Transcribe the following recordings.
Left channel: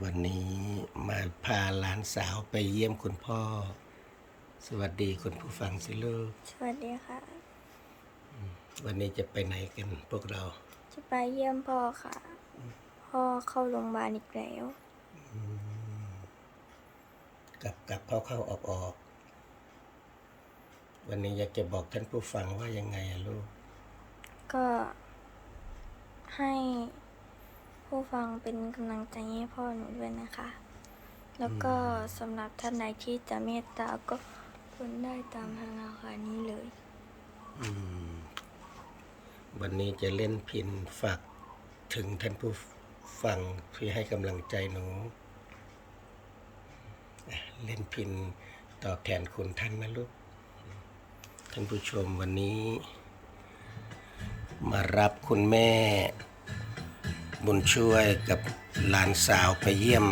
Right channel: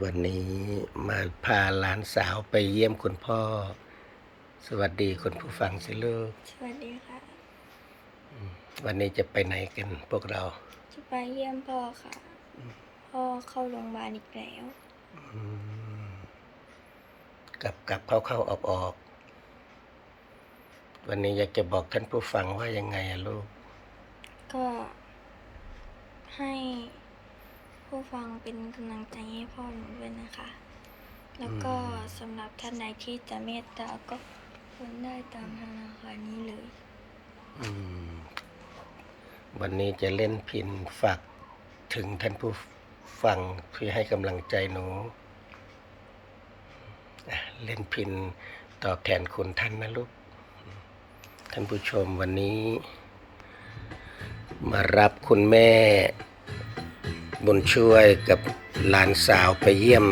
วันนี้มาพาหลานสาวไปเยี่ยมคุณพ่อ สวัสดีคุณผู้ฟังสิลูก สวัสดีค่ะ วันนี้จะไปไหนกันพวกเรา จะไปเยี่ยมพ่อค่ะ พ่อเข้าโรงพยาบาลอีกแล้วกลับกลับเข้าเข้าออกออกวันนี้อยากจะบอกท่านผู้ฟังว่ายังไงอะลูก ก็ให้ ผู้ฟังเป็นกำลังใจให้พ่อหนูด้วยนะคะ แล้วก็สำหรับท่านใดที่จะเมตตาก็โอนได้ตามธนาคารนี้เลย อืม วันนี้จะเล่นพินฝากถึงท่านผู้ฟังเพื่อให้กำลังใจหนูอะเล่นพินตอบแทนคุณท่านนะลูก ท่านผู้ชมวันนี้ มารับคุณแม่ บุญช่วยกับหลานสาวไปเยี่ยม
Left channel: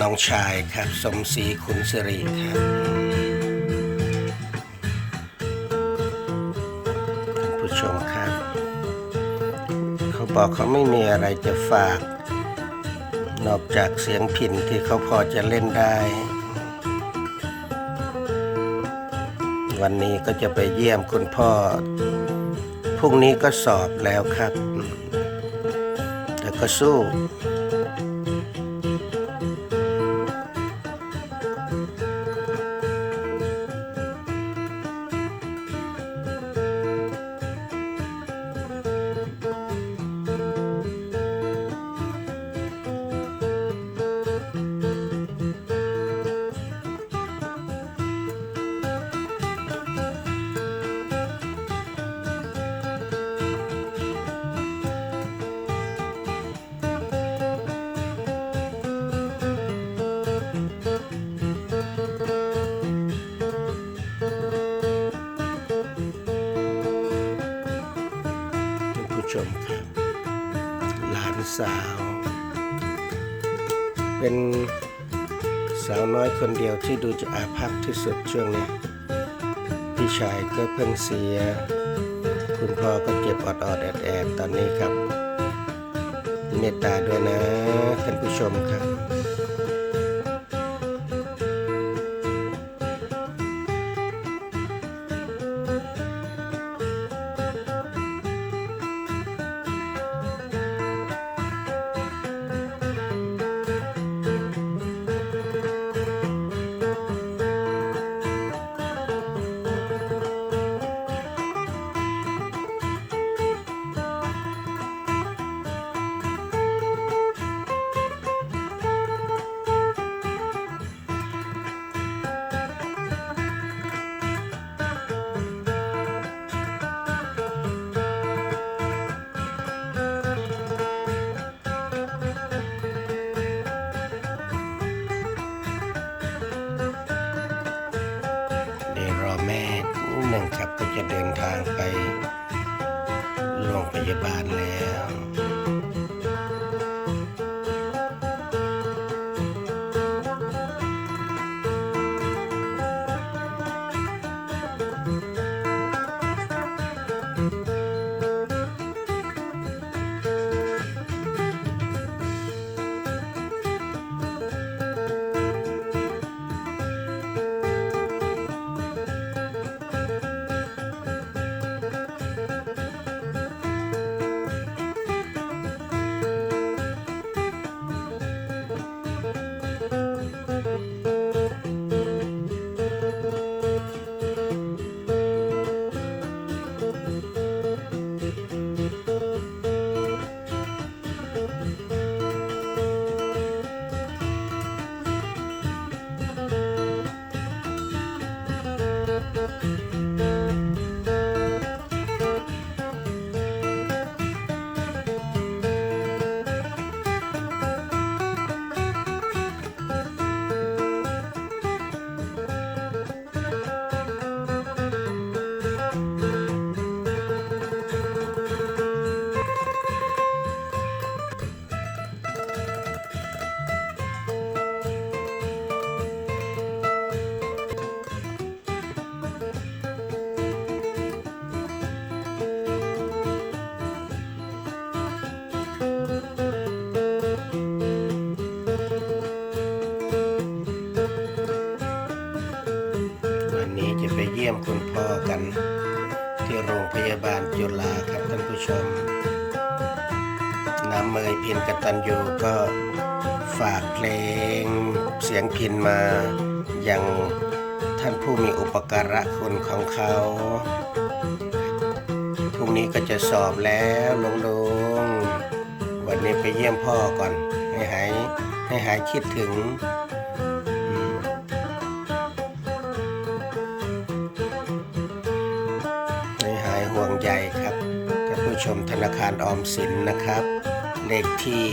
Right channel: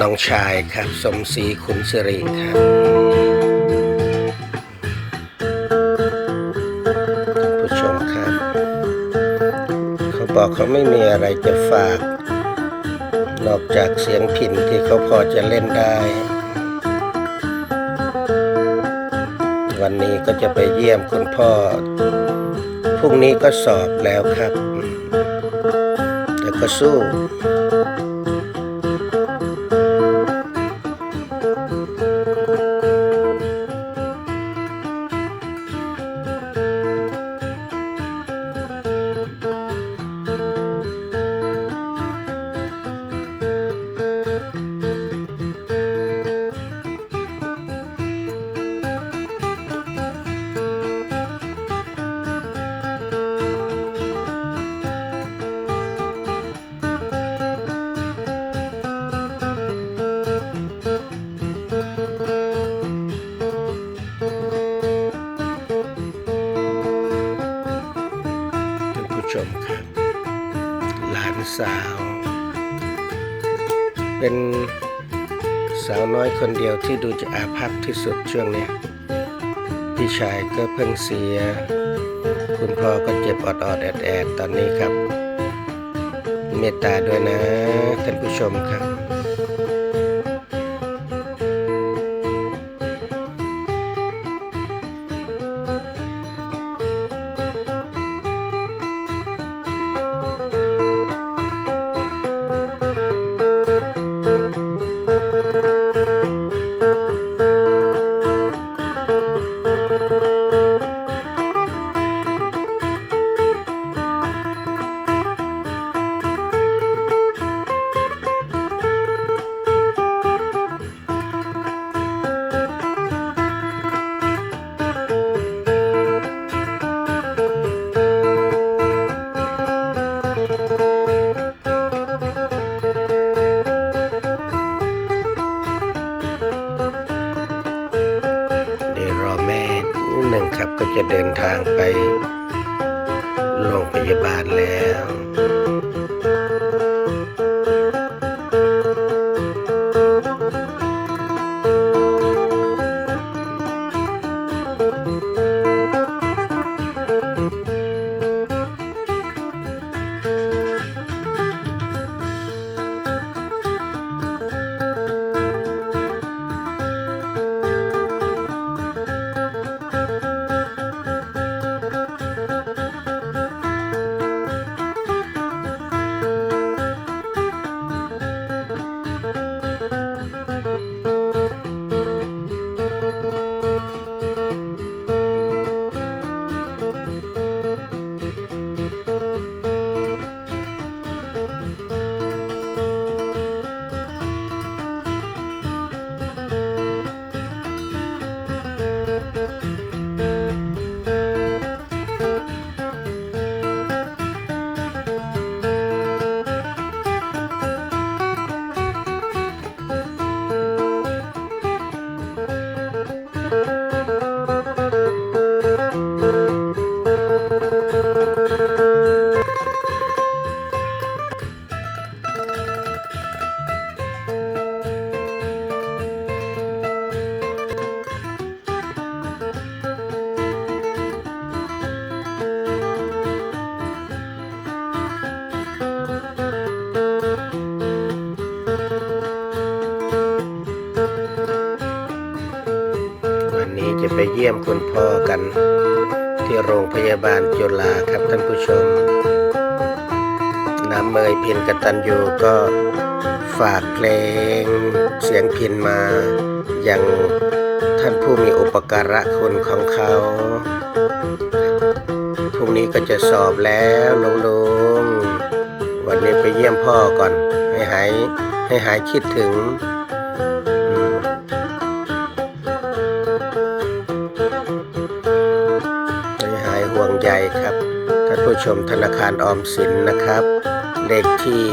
น้องชายครับ สมศรีขุนสิริครับท่านผู้ชมครับ เขาบอกเขาไม่มีอะไรจะฝาก นอกจากเสียงพินที่เขาพอจะเล่นได้ วันนี้ก็จะไปเยี่ยมคุณพ่อ พรุ่งนี้ก็สอบแล้วครับ อืม ชมครับ หลานสาว เป็นสาวน้อยคนเดียวที่ดูจะอาภัพที่สุดช่วงนี้พี่ชายก็เพิ่งเสีย คุณพ่อก็เจ็บอดอดๆแอดตอนนี้ครับ เมตตาด้วยนะท่านผู้ชมครับ ยวรอแม่นิดหนึ่งครับก็จะเดินทางไปโรงพยาบาลแล้ว จะไปเยี่ยมคุณพ่อกัน ที่โรงพยาบาลจุฬาครับท่านผู้ชม น้ำเมยพินกตันยูก็ฝากเพลงเสียงพินมาอย่างท่านผู้มีอุปการะคุณของเขาพรุ่งนี้ก็จะสอบแล้วลุงลุงวันนี้ไปเยี่ยมพ่อก่อน ให้หายให้หายคิดถึงายห่ครับท่านผู้ชมธนาคารออมสินนะครับ เลขที่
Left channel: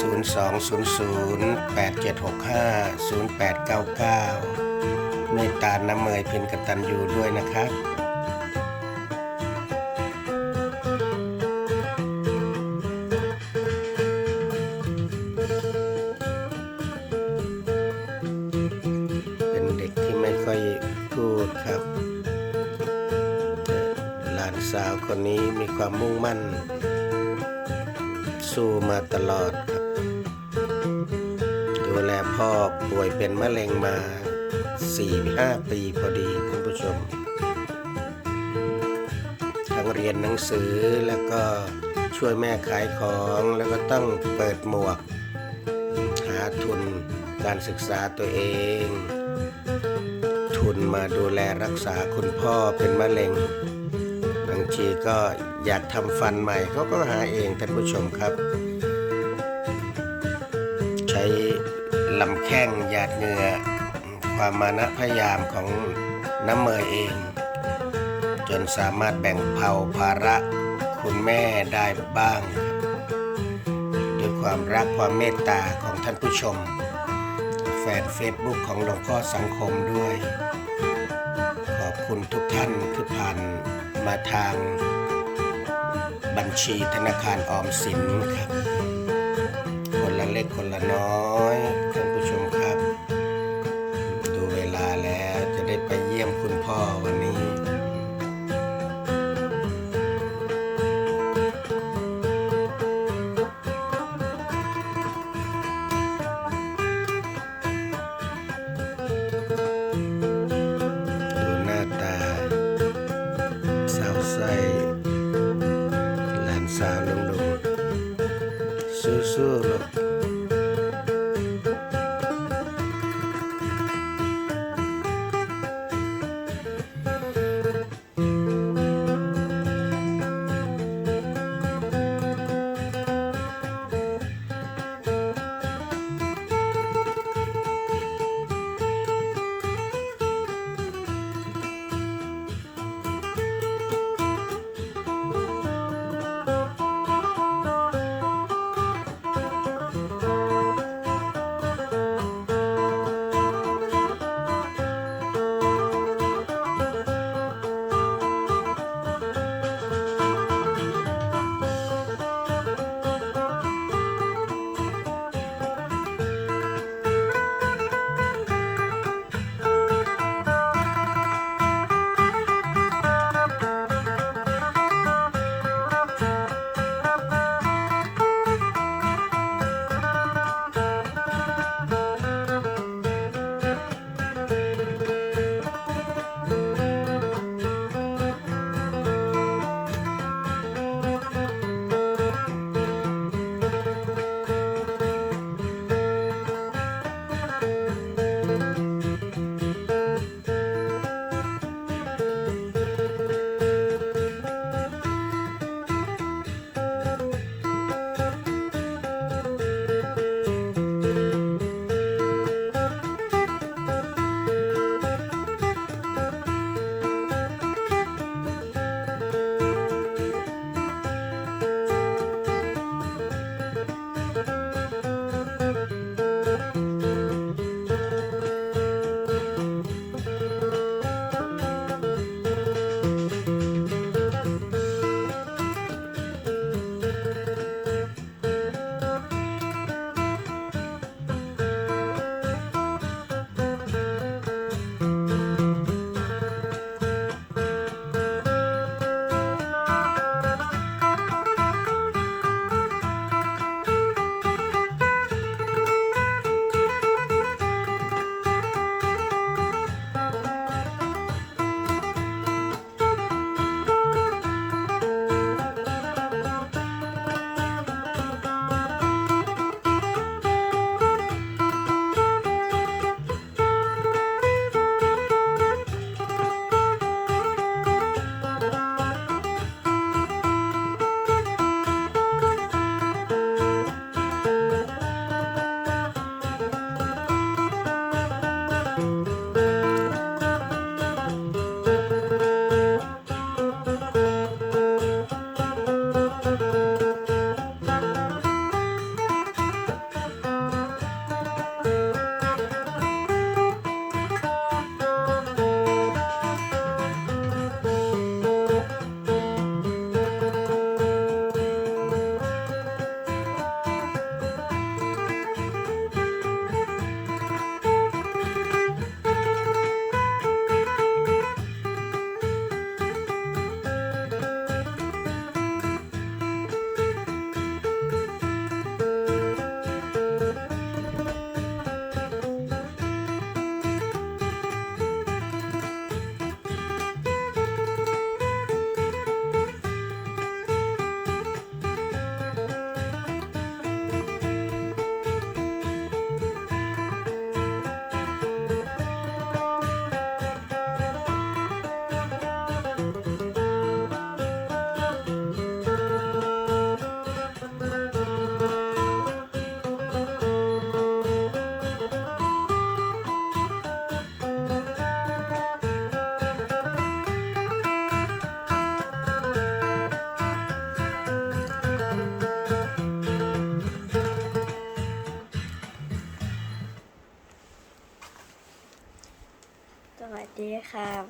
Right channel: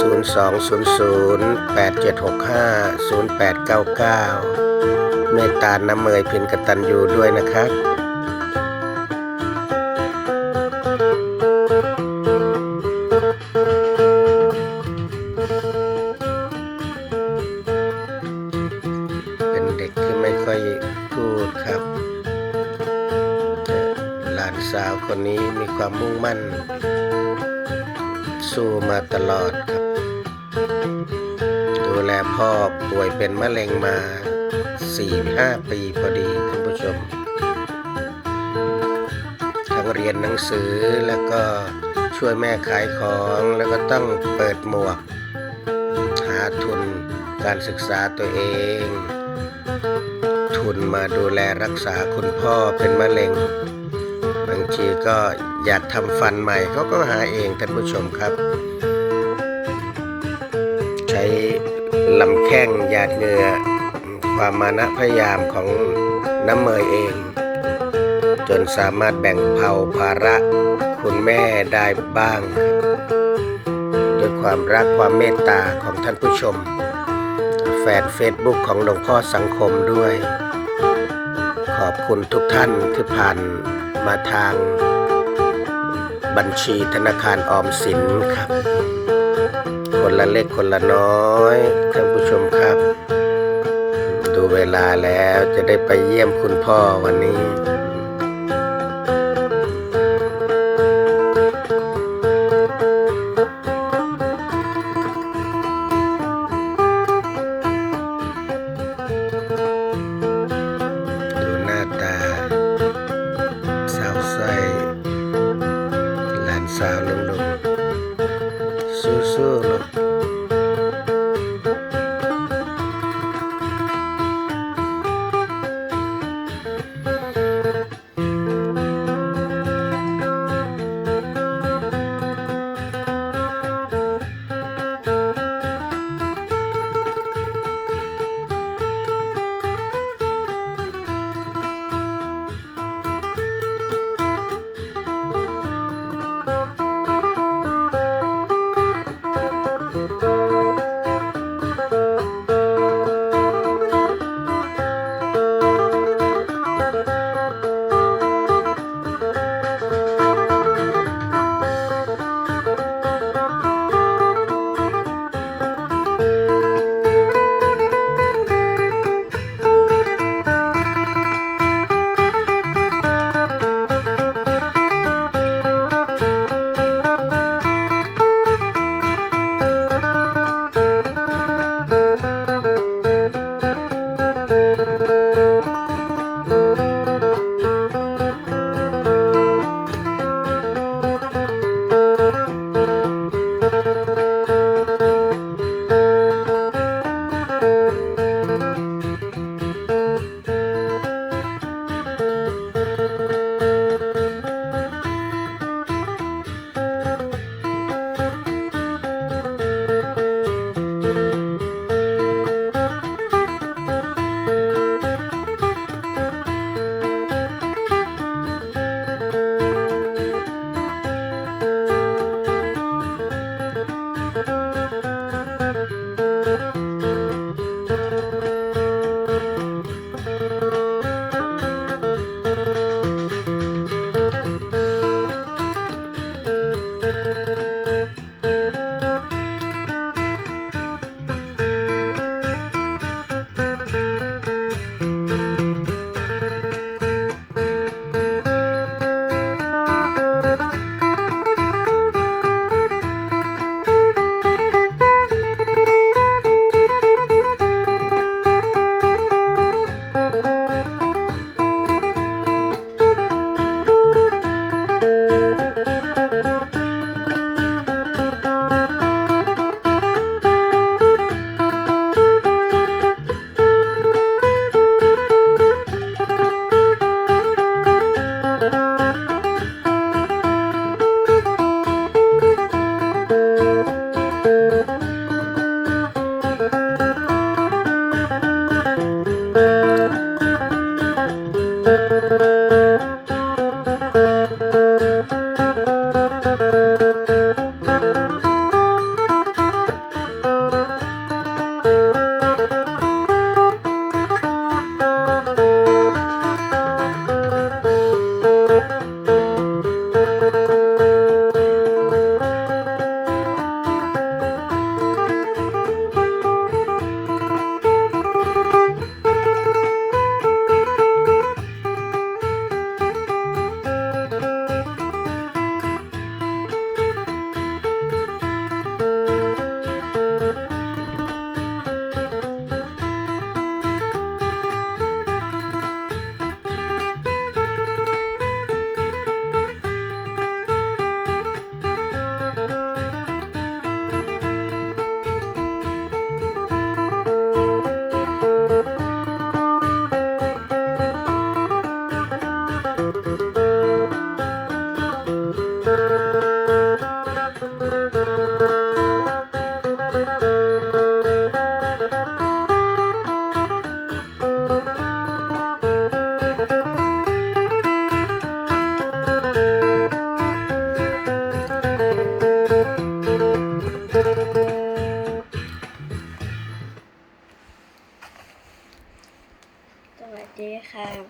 020087650899 เมตตาน้ำเมยเพินกตันยูด้วยนะครับเป็นเด็กที่ไม่ค่อย สาวคนนี้มีความมุ่งมั่น สู้มาตลอดครับ ดูแลพ่อป่วยเป็นมะเร็งมา 4-5 ปีพอดีท่านผู้ชม ทั้งเรียนหนังสือแล้วก็ช่วยแม่ขายของแล้วก็ต้องเปิดหมวก หาทุนการศึกษาตัวเอง ทุนมาดูแลรักษาคุณพ่อเป็นมะเร็งางทีก็อยากทำฟันใหม่เขาก็หาเองท่านผู้ชมครับ ใช้ลำแข้งหยาดเหงื่อความมานะพยายามของน้ำเมยเอง จนสามารถแบ่งเผาภาระคุณแม่ได้บ้างครับด้วยความรักความเมตตาของท่านผู้ชม แฟนเฟซบุ๊กของหลวงพ่อสังคมด้วย ขอบคุณทุกท่านที่ผ่าน มาทางบัญชีธนาคารออมสินครับ คนละเล็กคนละน้อยท่านผู้ชมครับ ดูเวลาแล้วจะได้ไปเยี่ยมคุณพ่อวันนี้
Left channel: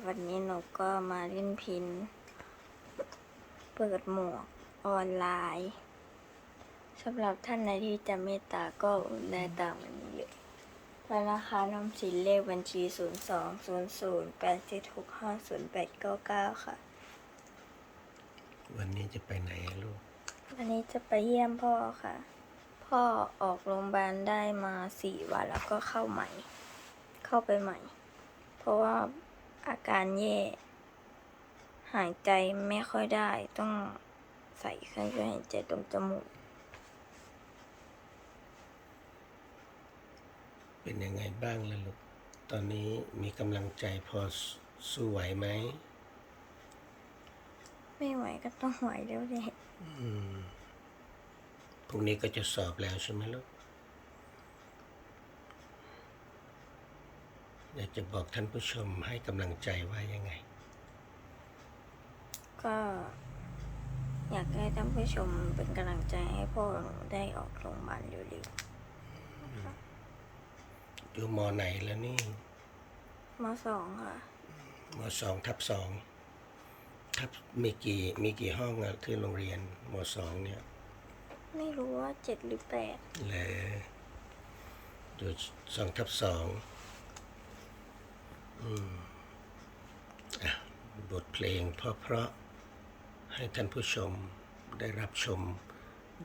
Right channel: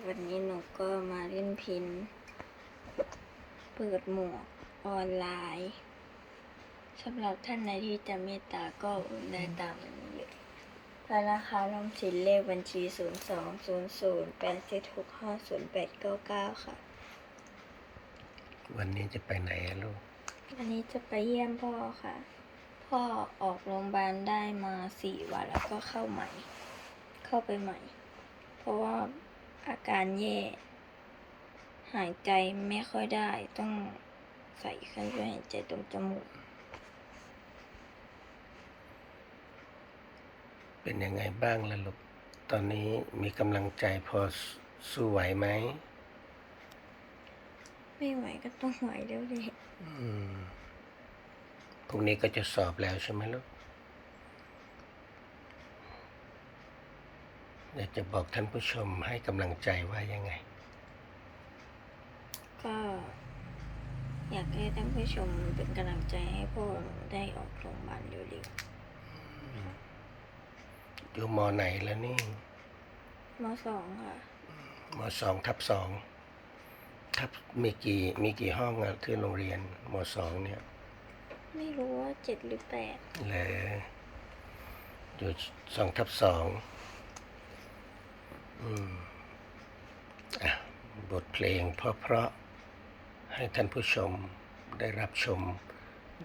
วันนี้หนูก็มาเล่นพิน เปิดหมวกออนไลน์สำหรับท่านใดที่จะเมตตาก็โอนได้ตามอันนี้เลยธนาคารออมสินเลขบัญชี 0 2 0 0 8 7 6 5 0 8 9 9ค่ะ วันนี้จะไปไหนอะลูก วันนี้จะไปเยี่ยมพ่อค่ะ พ่อออกโรงพยาบาลได้มาสี่วันแล้วก็เข้าใหม่ เข้าไปใหม่ เพราะว่า อาการแย่ หายใจไม่ค่อยได้ ต้องใส่เครื่องช่วยหายใจตรงจมูก เป็นยังไงบ้างล่ะลูก ตอนนี้มีกำลังใจพอสสู้ไหวไหม ไม่ไหวก็ต้องไหวแล้วเลยอืมพรุ่งนี้ก็จะสอบแล้วใช่ไหมลูก อยากจะบอกท่านผู้ชมให้กำลังใจว่ายังไง ก็อยากให้ท่านผู้ชมเป็นกำลังใจให้พ่อได้ออกโรงพยาบาลเร็วอยู่มอไหนแล้วนี่ๆมสองค่ะมสองทับสองทับมีกี่มีกี่ห้องอะที่โรงเรียนมสองเนี่ย ไม่รู้ว่าเจ็ดหรือแปดเลยอยู่สองทับสองอืมอะ บทเพลงเพราะๆให้ท่านผู้ชมได้รับชม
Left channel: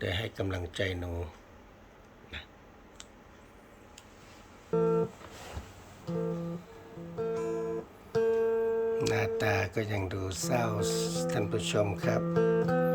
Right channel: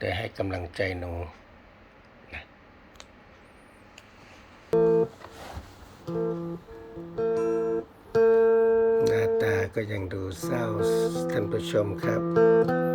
ได้ให้กำลังใจหนูนะหน้าตาก็ยังดูเศร้าท่านผู้ชมครับ